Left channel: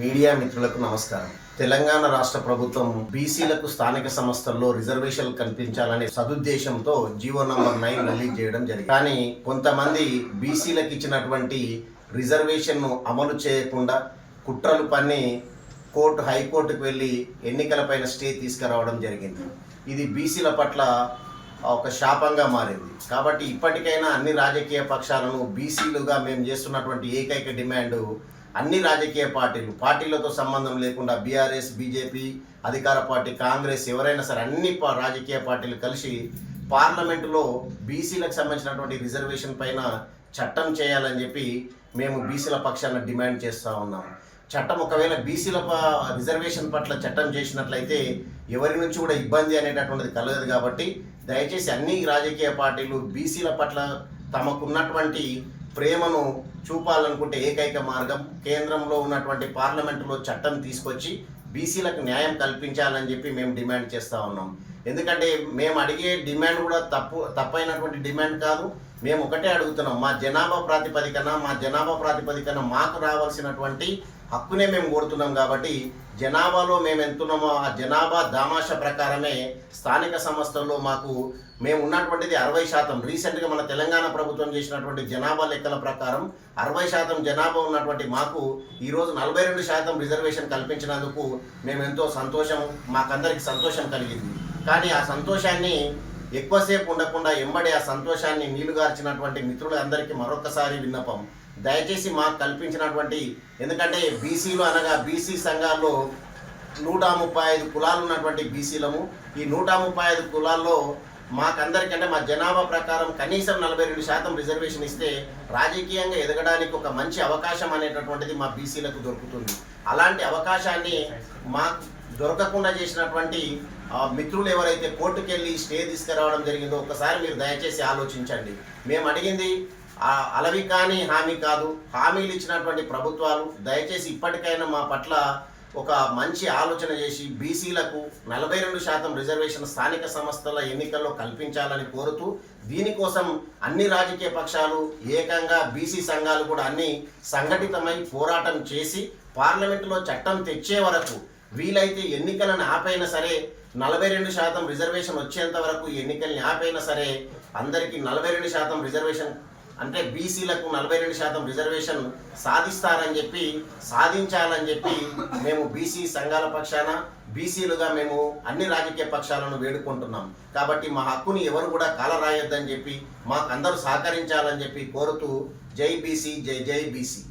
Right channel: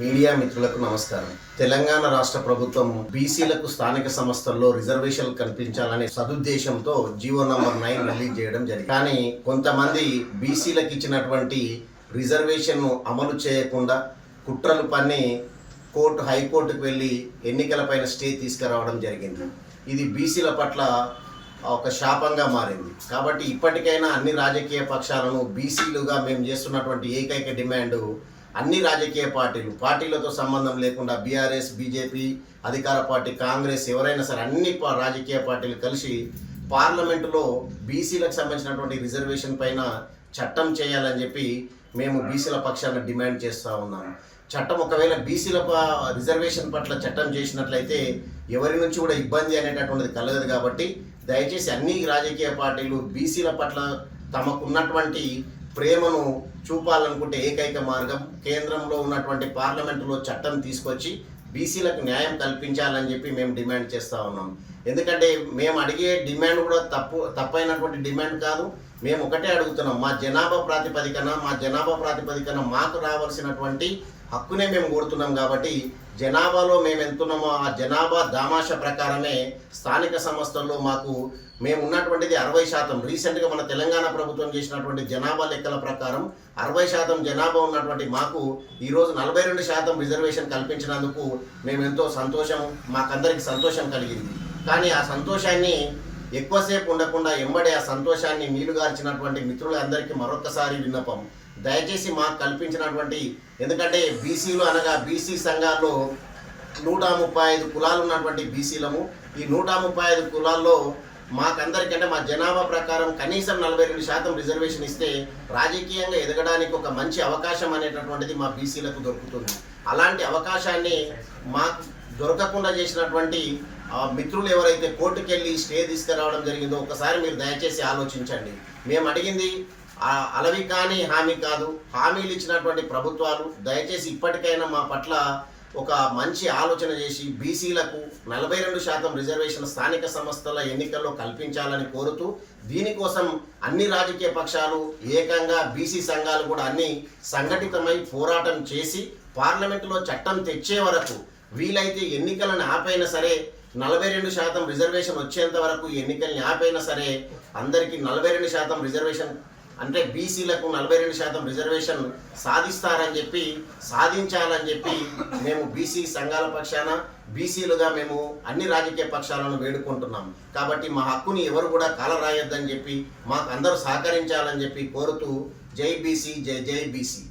Media మిత్రులకు నమస్కారం. తెలంగాణ రాష్ట్ర ప్రభుత్వం బీసీలకు స్థానిక సంస్థల్లో రిజర్వేషన్లు కల్పించాలనే సదుద్దేశంతో జీవో నంబర్ 9 రిలీజ్ చేయడం జరిగింది. కానీ కొంతమంది బీసీలకు ఇచ్చినటువంటి రిజర్వేషన్ను అమలు చేయకుండా కుట్రలు పన్ని హైకోర్టుకు వెళ్ళి ఎన్నికలపైన స్టే తీసుకురావడం జరిగింది. ఇది బీసీల పట్ల ఒక శాపంగా మారింది. కాబట్టి ఇప్పటికైనా అన్ని రాజకీయ పక్షాలను బీసీలుగా మేము చేస్తున్నటువంటి ఏకైక డిమాండ్, అన్ని రాజకీయ పార్టీలతో సంబంధం లేకుండా బీఆర్ఎస్, బీజేపీ, అధికార పార్టీ, కాంగ్రెస్, ఎవరైనా సరే అన్ని రాజకీయ పార్టీలు కలిసి పార్లమెంటులో బీసీలకు సంబంధించినటువంటి రిజర్వేషన్ పైన చట్టం చేయాలని చెప్పి మేము బీసీల పక్షాన డిమాండ్ చేస్తూ ఉన్నాం. చట్టం ఒకవేళ బీసీల రిజర్వేషన్ పట్ల చట్టం చేసినట్లయితే ఎవరి నుంచి కూడా ఇబ్బంది అనేటటువంటిది కలగదు. కాబట్టి దయచేసి అన్ని రాజకీయ పార్టీలు బీసీల పట్ల తమకున్నటువంటి ప్రేమను చూపాలనుకుంటే ఏకైక మార్గం కేంద్రంలో ఉన్నటువంటి పార్లమెంటులో చట్టం తీసుకొచ్చి బీసీలకు న్యాయం కల్పించాలని చెప్పి మేము డిమాండ్ చేస్తూ ఉన్నాం. ఎందుకంటే మేము అడిగే డిమాండ్ కూడా తప్పైనటువంటి డిమాండ్ కాదు. మేము ఒకటే అడుగుతున్నాం, మా జనాభా ప్రాతిపదికన మాకు రావాల్సినటువంటి హక్కునే మేము కోరుతున్నాం. కాబట్టి జనాభాలో మేము ఎంతున్నామో ఆ జనాభా దామాష ప్రకారమే స్థానిక సంస్థల్లో మేము ఉన్నటువంటిది 60%. రీసెంట్గా మన తెలంగాణ ప్రభుత్వం చేసినటువంటి జనాభా లెక్కల ప్రకారం 60% జనాభా ఉన్నటువంటి మాకు ఈరోజు 42% రిజర్వేషన్ కల్పించినందుకు మేము ఎంతో మాకందరికి సంతోషం కలిగింది. కానీ ఆ సంతోషాన్ని ఎక్కువసేపు ఉండకుండా ఎంబడి ఆ సంతోషాన్ని నీళ్లుగార్చినటువంటి మిత్రులందరికీ మరొకసారి విన్నపం, దయచేసి మాకు కల్పించినటువంటి, ఎందుకంటే బీసీలు అనగా బీసీ సంఘాల్లో 135 కులాలు ఉన్నటువంటి బీసీలము. ఈ 135 కులాల్లో మాకందరికంటే మా జనాభా ప్రకారం కనీసం 42% రిజర్వేషన్ ఇస్తే రాజకీయంగా ఎదగడానికి ఒక మంచి అవకాశం అనేటటువంటిది మా బీసీలకు దొరుకుతుంది. అలాంటి అవకాశాన్ని మాకు దొరకకుండా చేసినటువంటి మిత్రులు ఎవరైతే కోర్టుకెళ్ళి స్టే తీసుకురావడం జరిగిందో ఒకసారి మీరు దయచేసి ఆలోచించండి. మేము అడిగింది అలవి కానీ హామీ కాదు. హామీలు ఇచ్చినటువంటి ప్రభుత్వాలు దయచేసి ఇప్పటికైనా మా పట్ల ఒక మంచి ఆలోచన చేసి బీసీలకు 42% రిజర్వేషన్ స్థానిక సంస్థల ఎన్నికల్లో కల్పించాలని కోరుతూ, దీనికోసం అన్ని రాజకీయ పక్షాలు ఏకంగా బీసీ సంఘాలు కూడా అన్ని సంఘటితమై పోరాటం చేసి పార్లమెంటులో చట్టం తెచ్చే వరకు, వీలైతే ఎన్నికలను ఆపైనా సరే 42% రిజర్వేషన్ వచ్చేంత వరకు ఎన్నికల్ని ఆపైనా సరే అందరికీ 42% రిజర్వేషన్ అంటే బీసీలకు 42% రిజర్వేషన్ సాధించాలని చెప్పి మేము బీసీ సంఘాల పక్షాన బీసీలుగా మేము అన్ని రాజకీయ పక్షాలను వేడుకుంటున్నాం. కాబట్టి మా హక్కుని ఎవరు కూడా కాలరాయొద్దని చెప్పి మాకు అందరూ సహకరించాలని చెప్పి కోరుతూ జై బీసీ, జై జై బీసీ.